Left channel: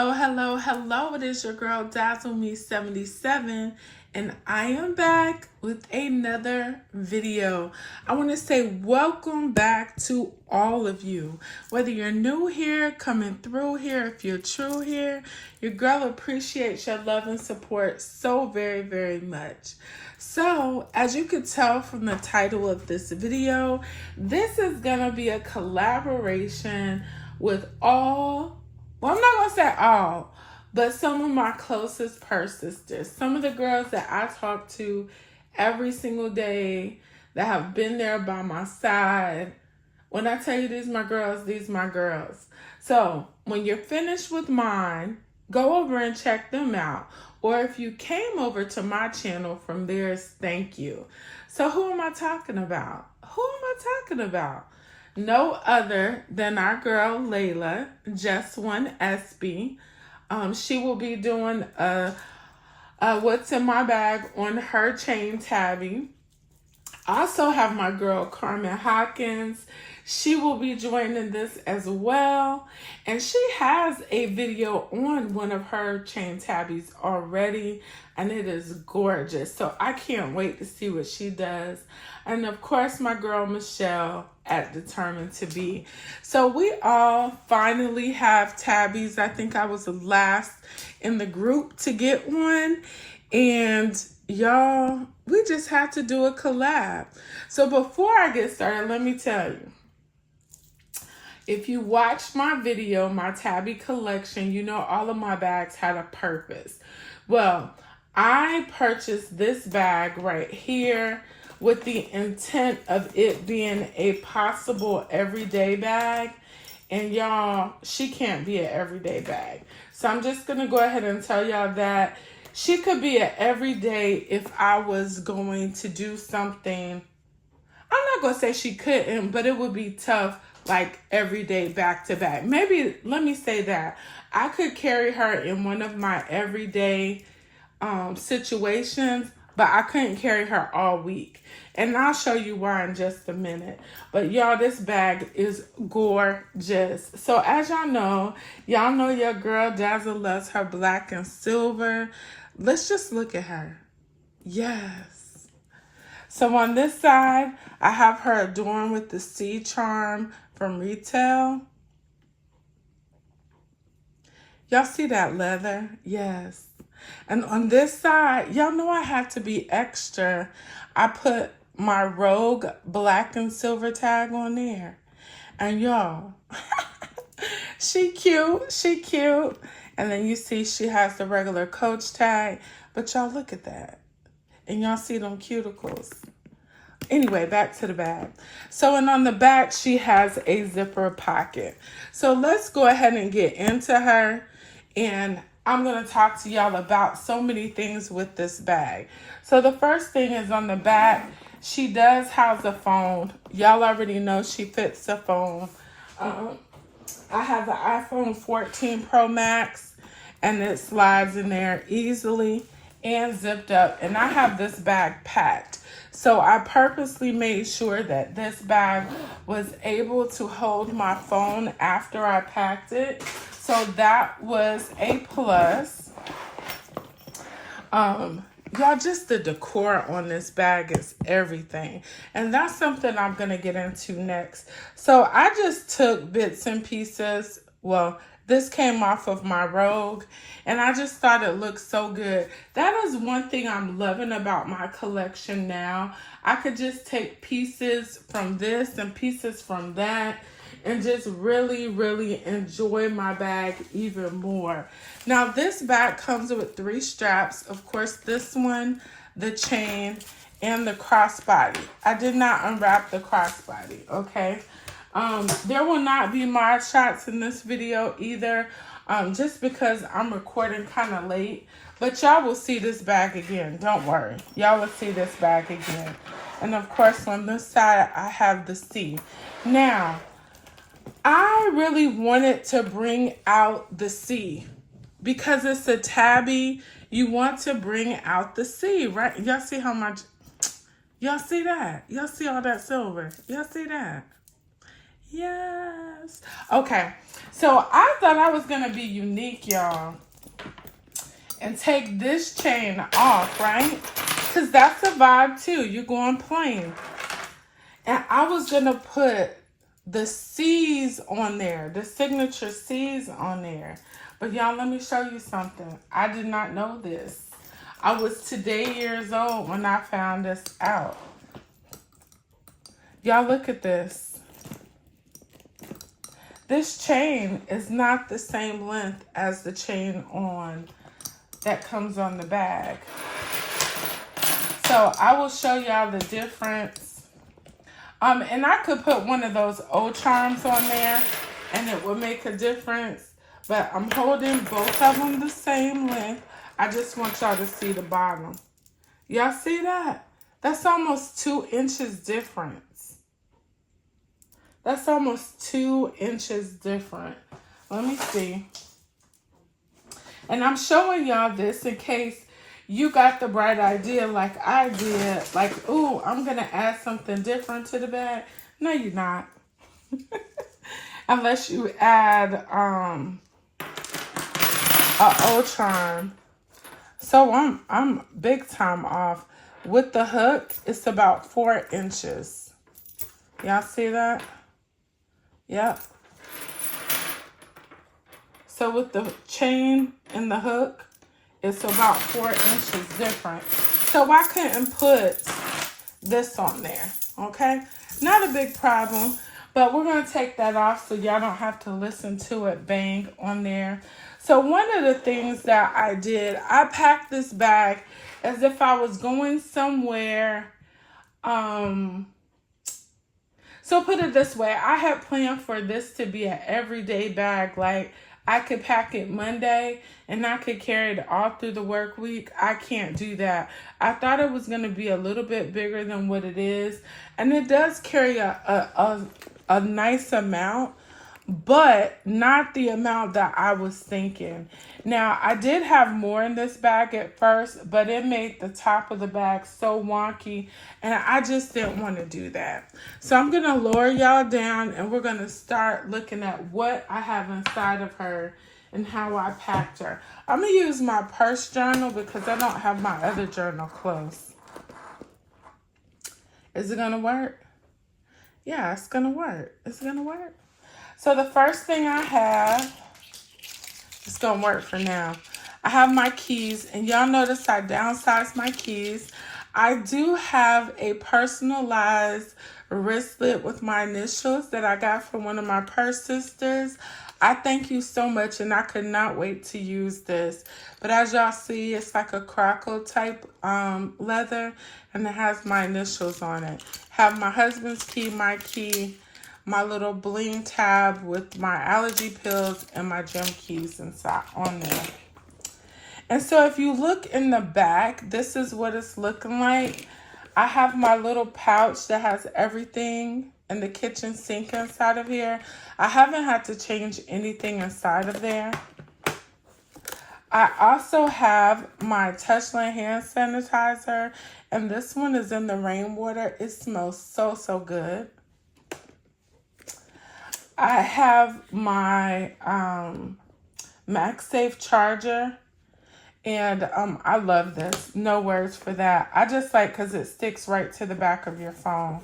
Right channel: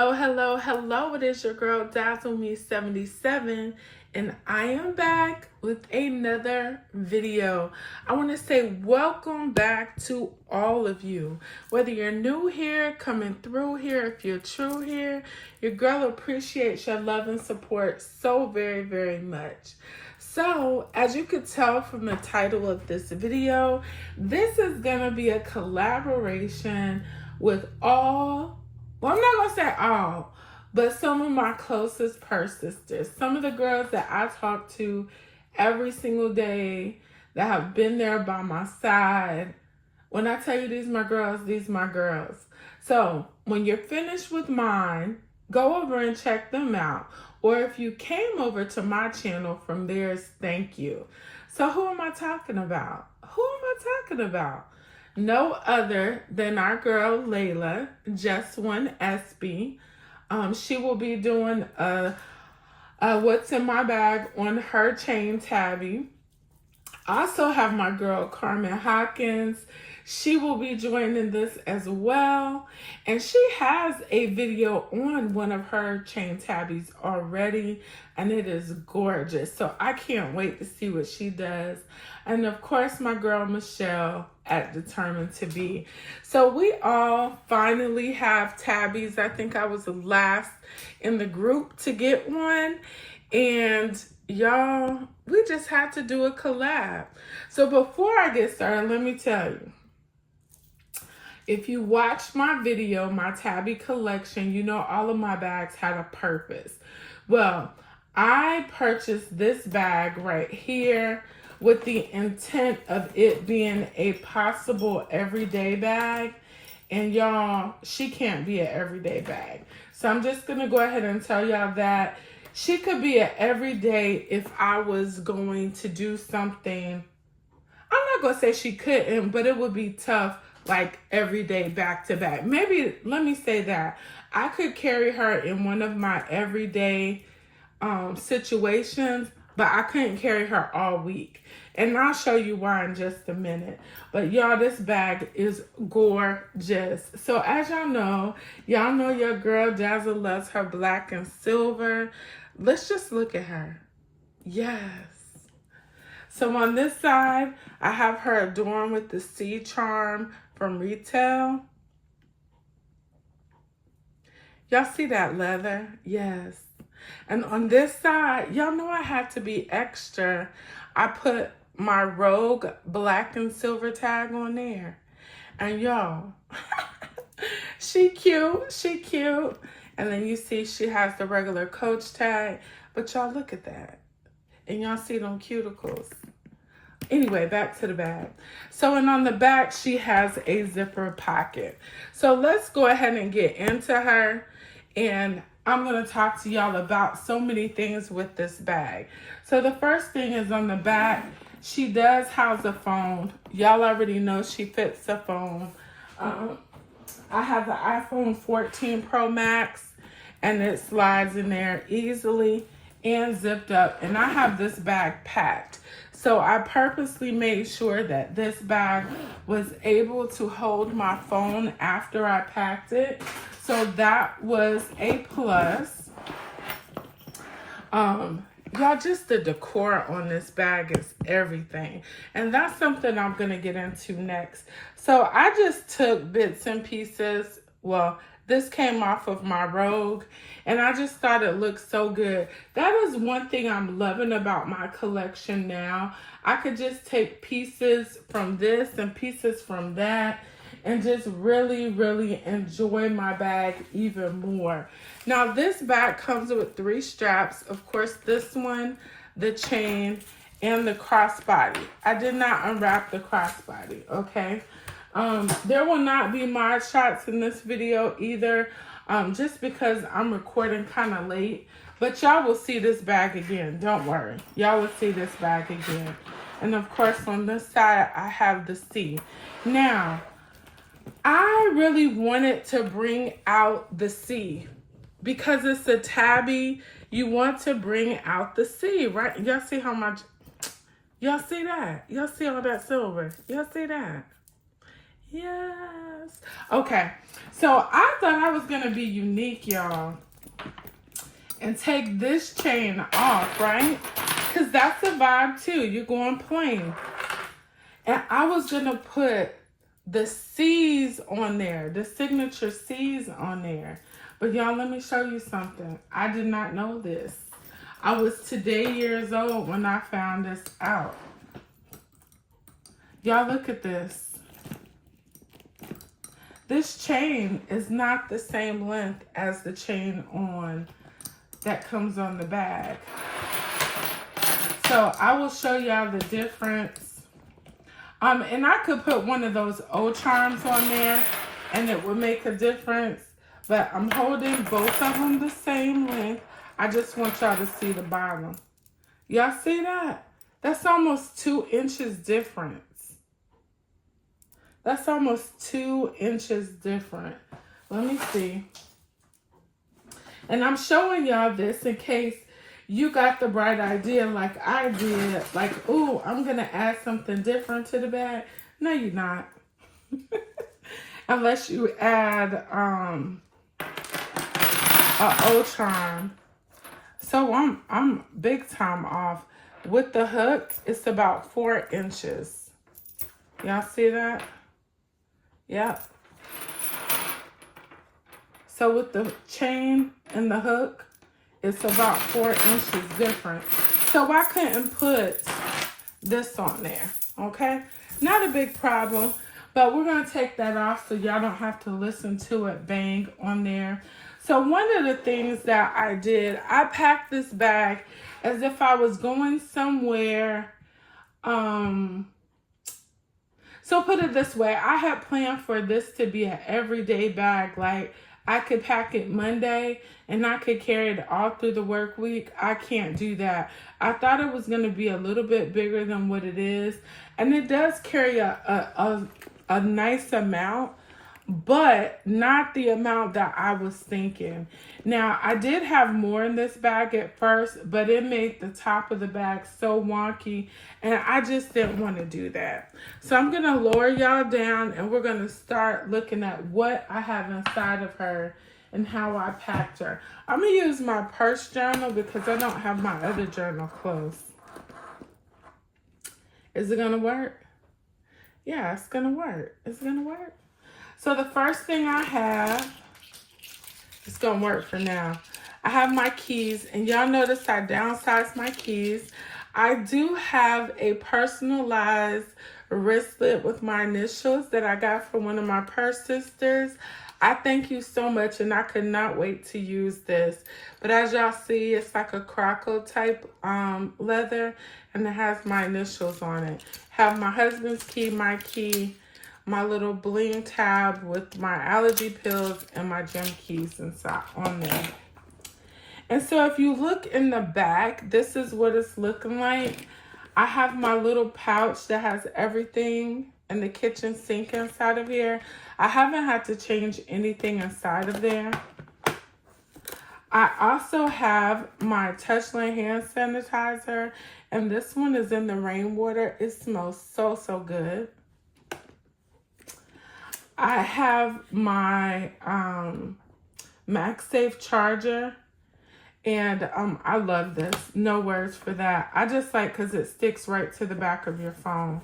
Hello, hello, hello. It is your girl Dazzle Me 77 and I am back with another video. I want to say welcome back to all of you. Whether you're new here, coming through here, if you're true here, your girl appreciates your love and support so very, very much. So, as you could tell from the title of this video, this is going to be a collaboration with I'm not going to say all, but some of my closest purse sisters. Some of the girls that I talk to every single day that have been there by my side. When I tell you these my girls. So when you're finished with mine, go over and check them out. Or if you came over to my channel from theirs, thank you. So who am I talking about? No other than our girl Layla, Just One SB. She will be doing what's in my bag on her chain Tabby. I also have my girl Carmen Hawkins. She will be joining this as well. And she has a video on one of her chain tabbies already. And it is gorgeous. So I can't wait to see what she does. And of course, my girl Michelle at Determined to Be. So we all finally have tabbies. I think I was the last in the group to get one. And y'all, we just had to do a collab. So before I get started, let me tell you. If you watched my video, my Tabby collection, you know all of my bags had a purpose. Well, I purchased this bag right here with the intent of it being a possible everyday bag. And y'all, she can't be an everyday bag. So I'm just going to go ahead and tell y'all that she could be an everyday if I was going to do something. I'm not going to say she couldn't, but it would be tough. Like every day back to back. Maybe, let me say that. I could carry her in one of my everyday situations, but I couldn't carry her all week. And I'll show you why in just a minute. But y'all, this bag is gorgeous. So as y'all know your girl Dazzle loves her black and silver. Let's just look at her. Yes. So on this side, I have her adorned with the sea charm from retail. Y'all see that leather? Yes. And on this side, y'all know I had to be extra. I put my Rogue black and silver tag on there. And y'all, she cute. And then you see she has the regular Coach tag. But y'all look at that. And y'all see them cuticles. Anyway, back to the bag. So, and on the back, she has a zipper pocket. So let's go ahead and get into her. And I'm going to talk to y'all about so many things with this bag. So the first thing is on the back, she does house a phone. Y'all already know she fits the phone. I have the iPhone 14 Pro Max, and it slides in there easily and zipped up. And I have this bag packed. So I purposely made sure that this bag was able to hold my phone after I packed it. So that was a plus. Y'all, just the decor on this bag is everything. And that's something I'm going to get into next. So I just took bits and pieces. Well, this came off of my Rogue, and I just thought it looked so good. That is one thing I'm loving about my collection now. I could just take pieces from this and pieces from that and just really, really enjoy my bag even more. Now, this bag comes with 3 straps. Of course, this one, the chain, and the crossbody. I did not unwrap the crossbody, okay? There will not be mod shots in this video either, just because I'm recording kind of late. But y'all will see this bag again. Don't worry. Y'all will see this bag again. And of course, on this side, I have the C. Now, I really wanted to bring out the C because it's a tabby. You want to bring out the C, right? Y'all see how much? Y'all see that? Y'all see all that silver? Y'all see that? Yes. Okay. So I thought I was gonna be unique, y'all, and take this chain off, right? Because that's a vibe too. You're going plain. And I was gonna put the C's on there, the signature C's on there. But y'all, let me show you something. I did not know this. I was today years old when I found this out. Y'all look at this. This chain is not the same length as the chain on that comes on the bag. So I will show y'all the difference. And I could put one of those old charms on there and it would make a difference. But I'm holding both of them the same length. I just want y'all to see the bottom. Y'all see that? That's almost 2 inches difference. That's almost 2 inches different. Let me see. And I'm showing y'all this in case you got the bright idea like I did. Like, ooh, I'm going to add something different to the bag. No, you're not. Unless you add a old charm. So I'm big time off. With the hook, it's about 4 inches. Y'all see that? Yep. So with the chain and the hook, it's about 4 inches different. So I couldn't put this on there, okay? Not a big problem, but we're gonna take that off so y'all don't have to listen to it bang on there. So one of the things that I did, I packed this bag as if I was going somewhere. So put it this way, I had planned for this to be an everyday bag. Like I could pack it Monday and I could carry it all through the work week. I can't do that. I thought it was going to be a little bit bigger than what it is. And it does carry a nice amount, but not the amount that I was thinking. Now, I did have more in this bag at first, but it made the top of the bag so wonky, and I just didn't want to do that. So I'm going to lower y'all down, and we're going to start looking at what I have inside of her and how I packed her. I'm going to use my purse journal because I don't have my other journal close. Is it going to work? Yeah, it's going to work. It's going to work. So the first thing I have, it's going to work for now. I have my keys, and y'all notice I downsized my keys. I do have a personalized wristlet with my initials that I got from one of my purse sisters. I thank you so much, and I could not wait to use this. But as y'all see, it's like a croco type leather, and it has my initials on it. Have my husband's key, my little bling tab with my allergy pills, and my gym keys inside on there. And so if you look in the back, this is what it's looking like. I have my little pouch that has everything in the kitchen sink inside of here. I haven't had to change anything inside of there. I also have my Touchland hand sanitizer, and this one is in the rainwater. It smells so, so good. I have my MagSafe charger, and I love this. No words for that. I just like because it sticks right to the back of your phone.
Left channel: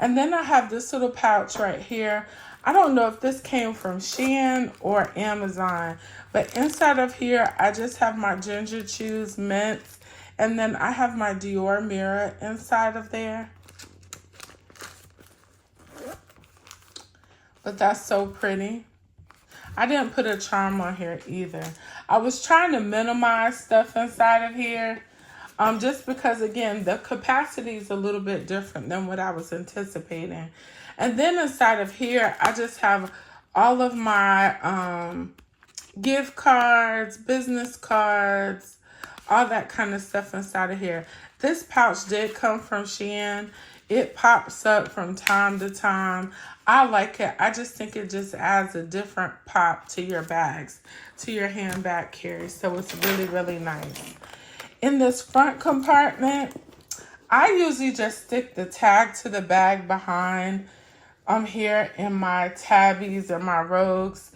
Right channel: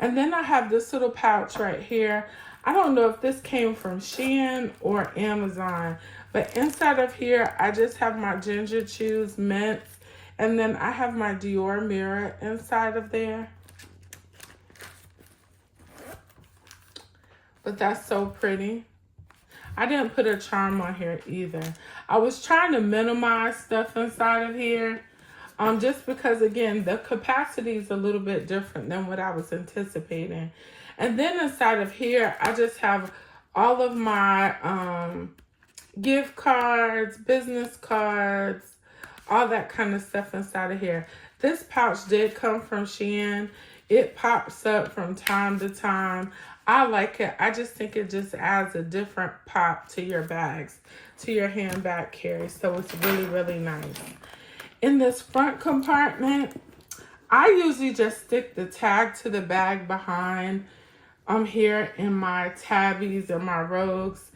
And then I have this little pouch right here. I don't know if this came from Shein or Amazon, but inside of here, I just have my Ginger Chews mints, and then I have my Dior mirror inside of there. But that's so pretty. I didn't put a charm on here either. I was trying to minimize stuff inside of here, just because, again, the capacity is a little bit different than what I was anticipating. And then inside of here, I just have all of my gift cards, business cards, all that kind of stuff inside of here. This pouch did come from Shein. It pops up from time to time. I like it. I just think it just adds a different pop to your bags, to your handbag carry. So it's really, really nice. In this front compartment, I usually just stick the tag to the bag behind. I'm here in my Tabbies and my Rogues.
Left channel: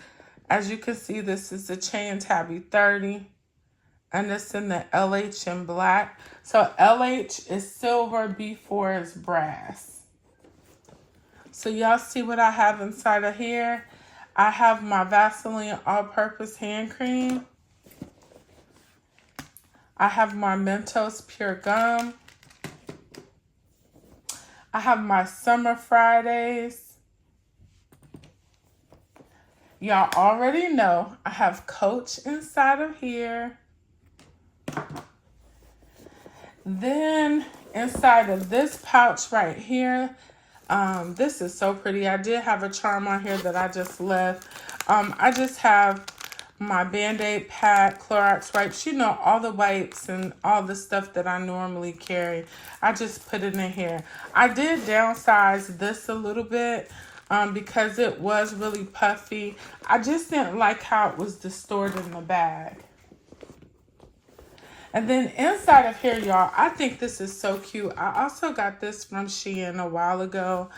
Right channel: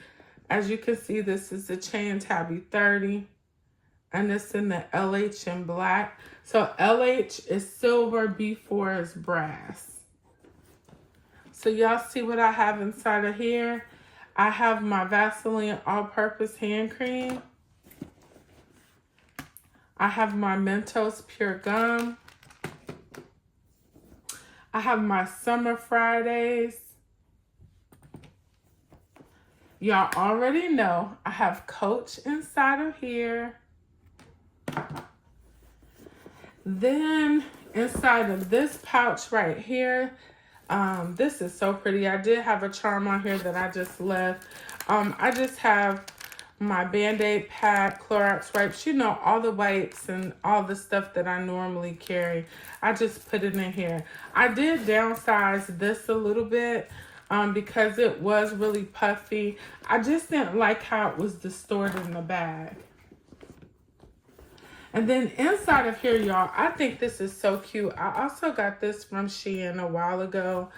As you can see, this is the chain tabby 30. And it's in the LH in black. So LH is silver, B4 is brass. So y'all see what I have inside of here? I have my Vaseline all-purpose hand cream. I have my Mentos Pure Gum. I have my Summer Fridays. Y'all already know I have Coach inside of here. Then inside of this pouch right here, this is so pretty. I did have a charm on here that I just left. I just have my Band-Aid pack, Clorox wipes, you know, all the wipes and all the stuff that I normally carry. I just put it in here. I did downsize this a little bit because it was really puffy. I just didn't like how it was distorted in the bag. And then inside of here, y'all, I think this is so cute. I also got this from Shein a while ago.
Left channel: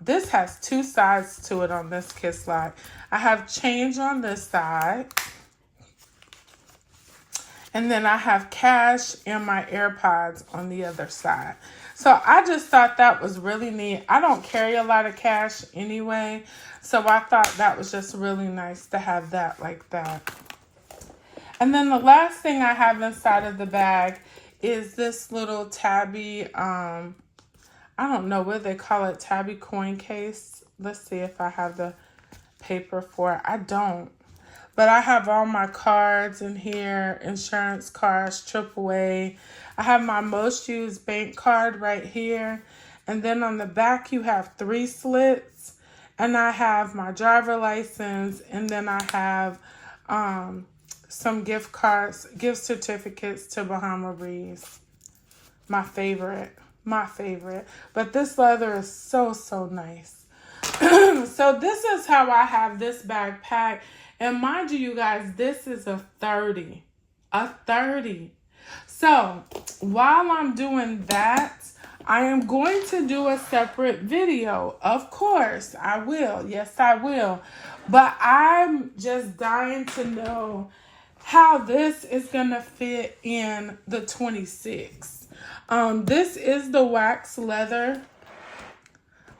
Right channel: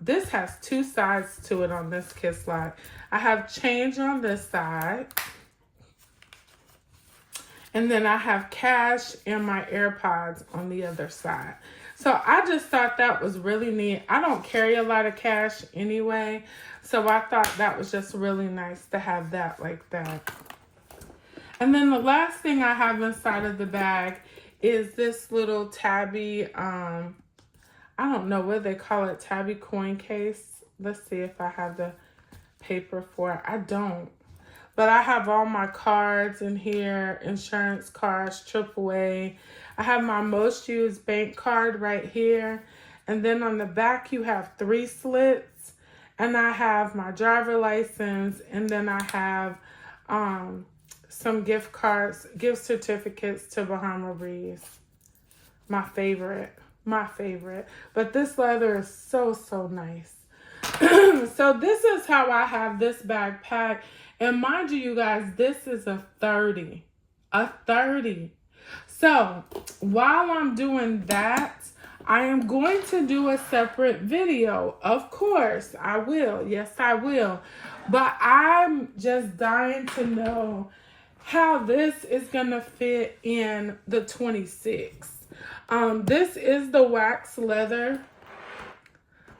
This has two sides to it on this kiss lock. I have change on this side. And then I have cash and my AirPods on the other side. So I just thought that was really neat. I don't carry a lot of cash anyway. So I thought that was just really nice to have that like that. And then the last thing I have inside of the bag is this little tabby, I don't know what they call it, tabby coin case. Let's see if I have the paper for it. I don't. But I have all my cards in here, insurance cards, AAA. I have my most used bank card right here. And then on the back you have 3 slits. And I have my driver license. And then I have some gift cards, gift certificates to Bahama Breeze. My favorite. But this leather is so, so nice. So this is how I have this bag packed. And mind you guys, this is a 30. A 30. So while I'm doing that, I am going to do a separate video. Of course, I will. Yes, I will. But I'm just dying to know how this is going to fit in the 26. This is the wax leather.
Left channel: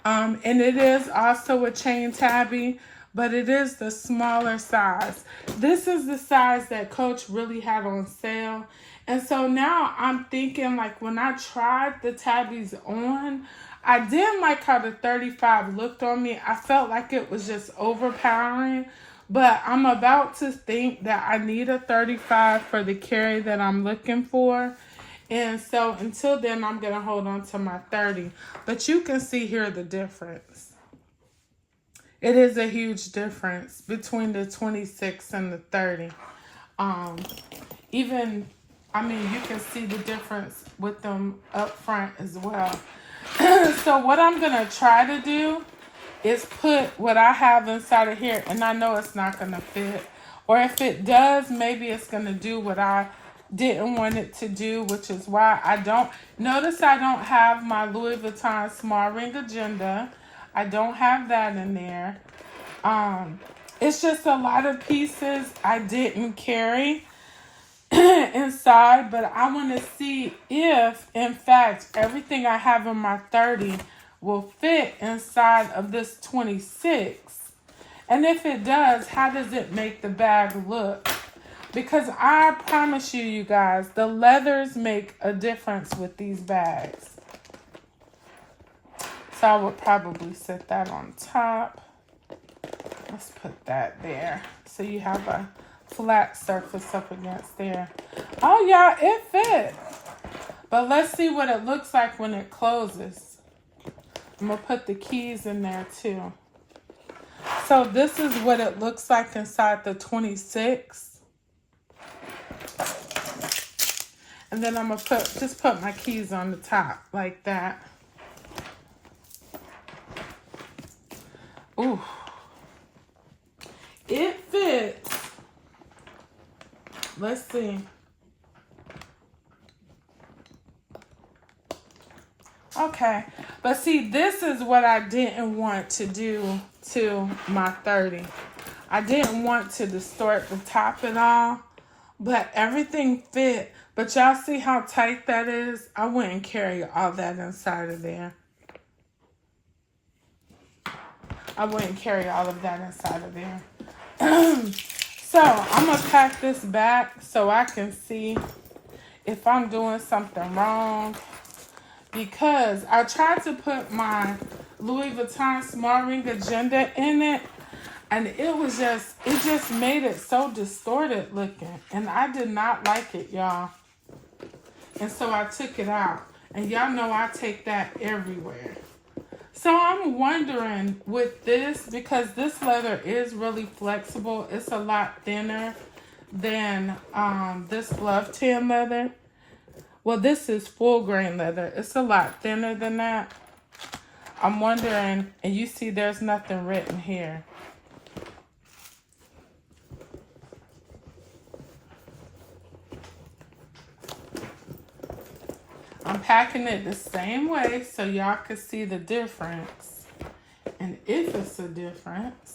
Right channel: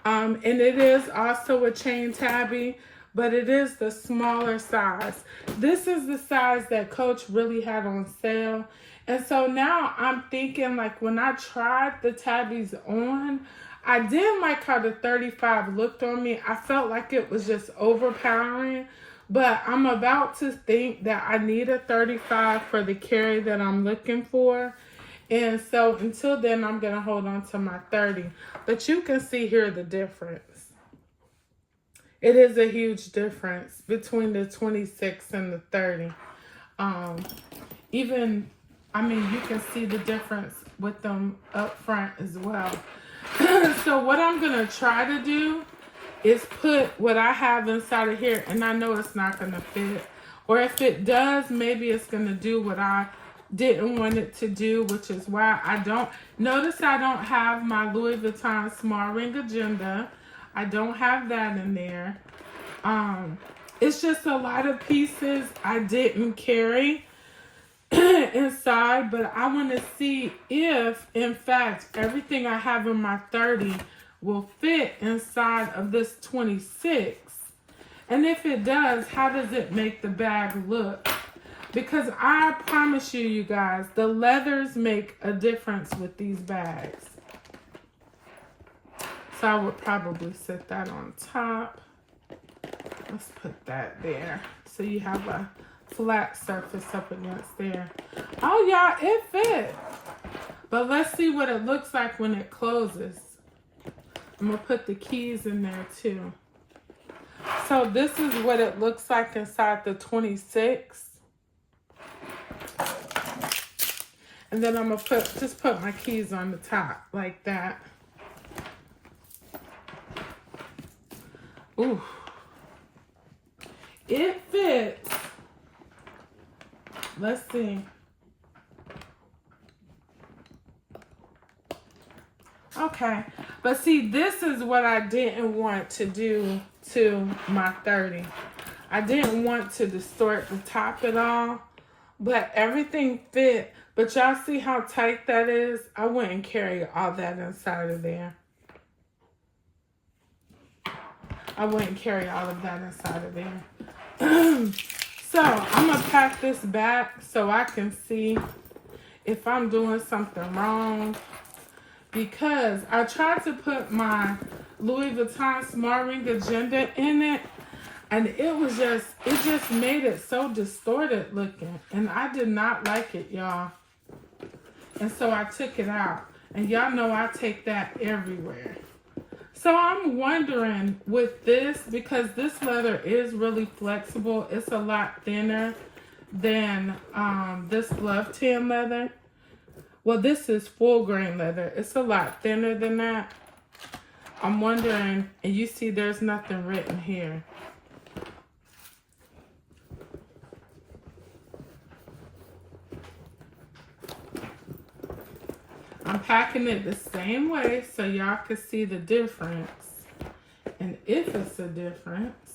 And it is also a chain tabby, but it is the smaller size. This is the size that Coach really had on sale. And so now I'm thinking, like, when I tried the tabbies on, I didn't like how the 35 looked on me. I felt like it was just overpowering. But I'm about to think that I need a 35 for the carry that I'm looking for. And so until then, I'm going to hold on to my 30. But you can see here the difference. It is a huge difference between the 26 and the 30. You can see the difference with them up front as well. So what I'm going to try to do is put what I have inside of here, and I know it's not going to fit. Or if it does, maybe it's going to do what I didn't want it to do, which is why I don't. Notice I don't have my Louis Vuitton small ring agenda. I don't have that in there. It's just a lot of pieces I didn't carry inside, but I want to see if, in fact, everything I have in my 30 will fit inside of this 26. And if it does, how does it make the bag look? Because I promise you, you guys, the leathers make a difference with these bags. So I would probably set that on top. Let's put that there. So you have a flat surface up against there. Oh, y'all, it fit. But let's see what it looks like when it closes. I'm going to put the keys in there too. So this is what it looks like inside the 26. And then I'm going to just put my keys on the top like that. Ooh. It fits. Let's see. Okay. But see, this is what I didn't want to do to my 30. I didn't want to distort the top at all, but everything fit. But y'all see how tight that is? I wouldn't carry all that inside of there. I wouldn't carry all of that inside of there. So I'm going to pack this back so I can see if I'm doing something wrong. Because I tried to put my Louis Vuitton small ring agenda in it. And it just made it so distorted looking. And I did not like it, y'all. And so I took it out. And y'all know I take that everywhere. So I'm wondering with this, because this leather is really flexible. It's a lot thinner than this glove tan leather. Well, this is full grain leather. It's a lot thinner than that. I'm wondering, and you see there's nothing written here. I'm packing it the same way so y'all can see the difference. And if it's a difference.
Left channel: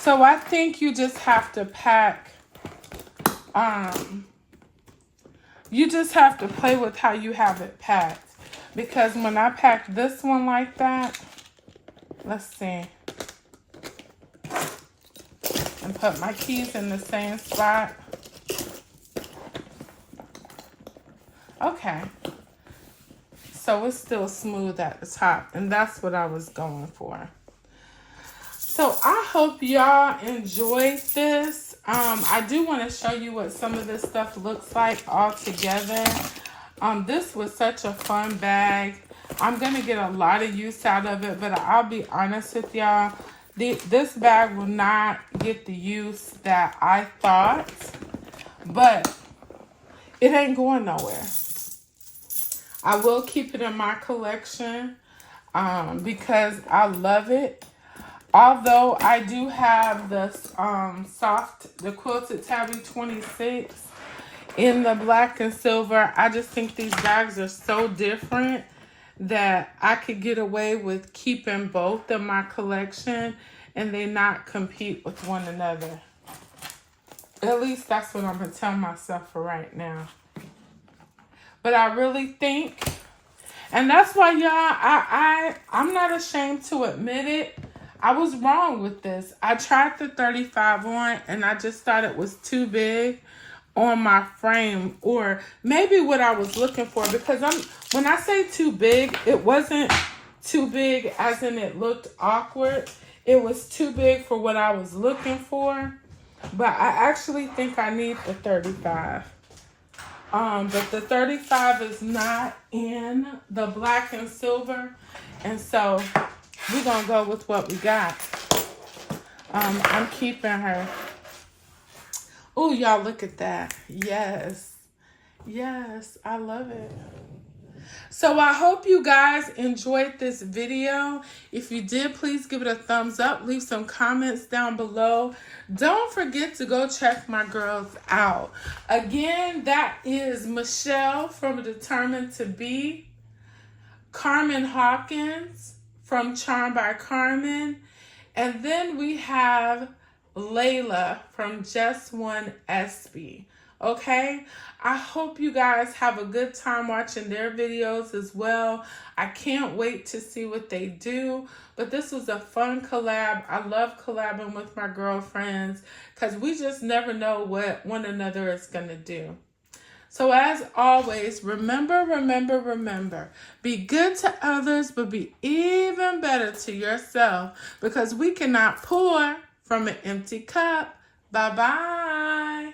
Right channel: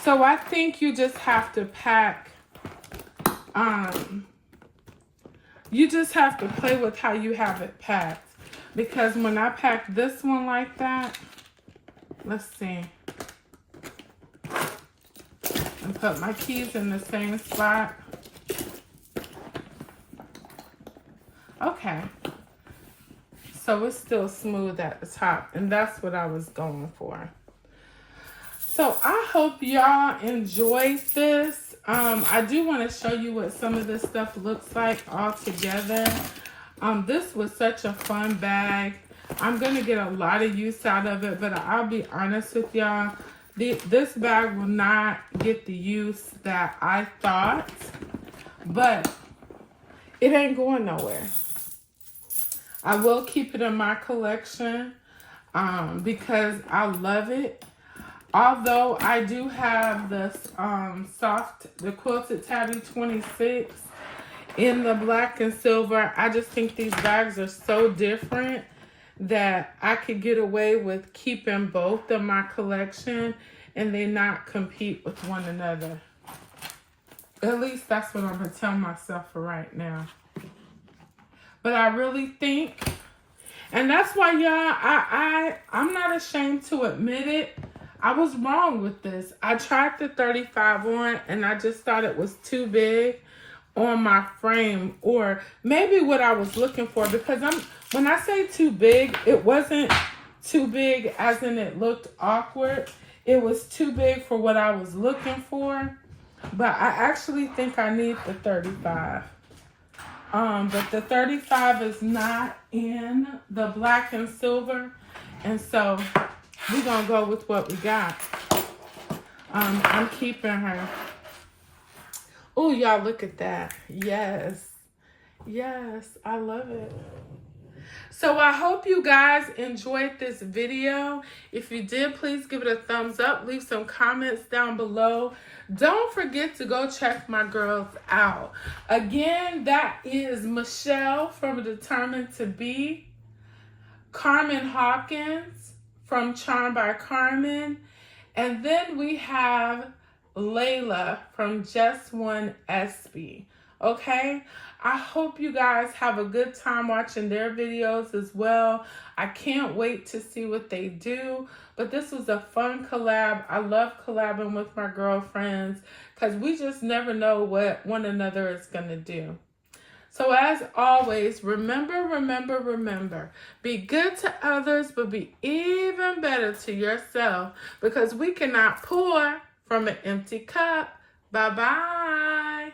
So I think you just have to pack, you just have to play with how you have it packed. Because when I pack this one like that, let's see. And put my keys in the same spot. Okay, so it's still smooth at the top, and that's what I was going for. So I hope y'all enjoyed this. I do want to show you what some of this stuff looks like all together. This was such a fun bag. I'm going to get a lot of use out of it, but I'll be honest with y'all. This bag will not get the use that I thought, but it ain't going nowhere. I will keep it in my collection because I love it. Although I do have the the quilted Tabby 26 in the black and silver. I just think these bags are so different that I could get away with keeping both in my collection and they not compete with one another. At least that's what I'm going to tell myself for right now. But I really think, and that's why y'all, I'm not ashamed to admit it. I was wrong with this. I tried the 35 on and I just thought it was too big on my frame, or maybe what I was looking for, because when I say too big, it wasn't too big as in it looked awkward. It was too big for what I was looking for. But I actually think I need the 35. But the 35 is not in the black and silver. And so we're going to go with what we got. I'm keeping her. Oh, y'all, look at that. Yes. Yes, I love it. So I hope you guys enjoyed this video. If you did, please give it a thumbs up. Leave some comments down below. Don't forget to go check my girls out. Again, that is Michelle from Determined to Be, Carmen Hawkins from Charmed by Carmen, and then we have Layla from Just One SB. Okay, I hope you guys have a good time watching their videos as well. I can't wait to see what they do. But this was a fun collab. I love collabing with my girlfriends because we just never know what one another is going to do. So as always, remember, be good to others, but be even better to yourself, because we cannot pour from an empty cup. Bye-bye.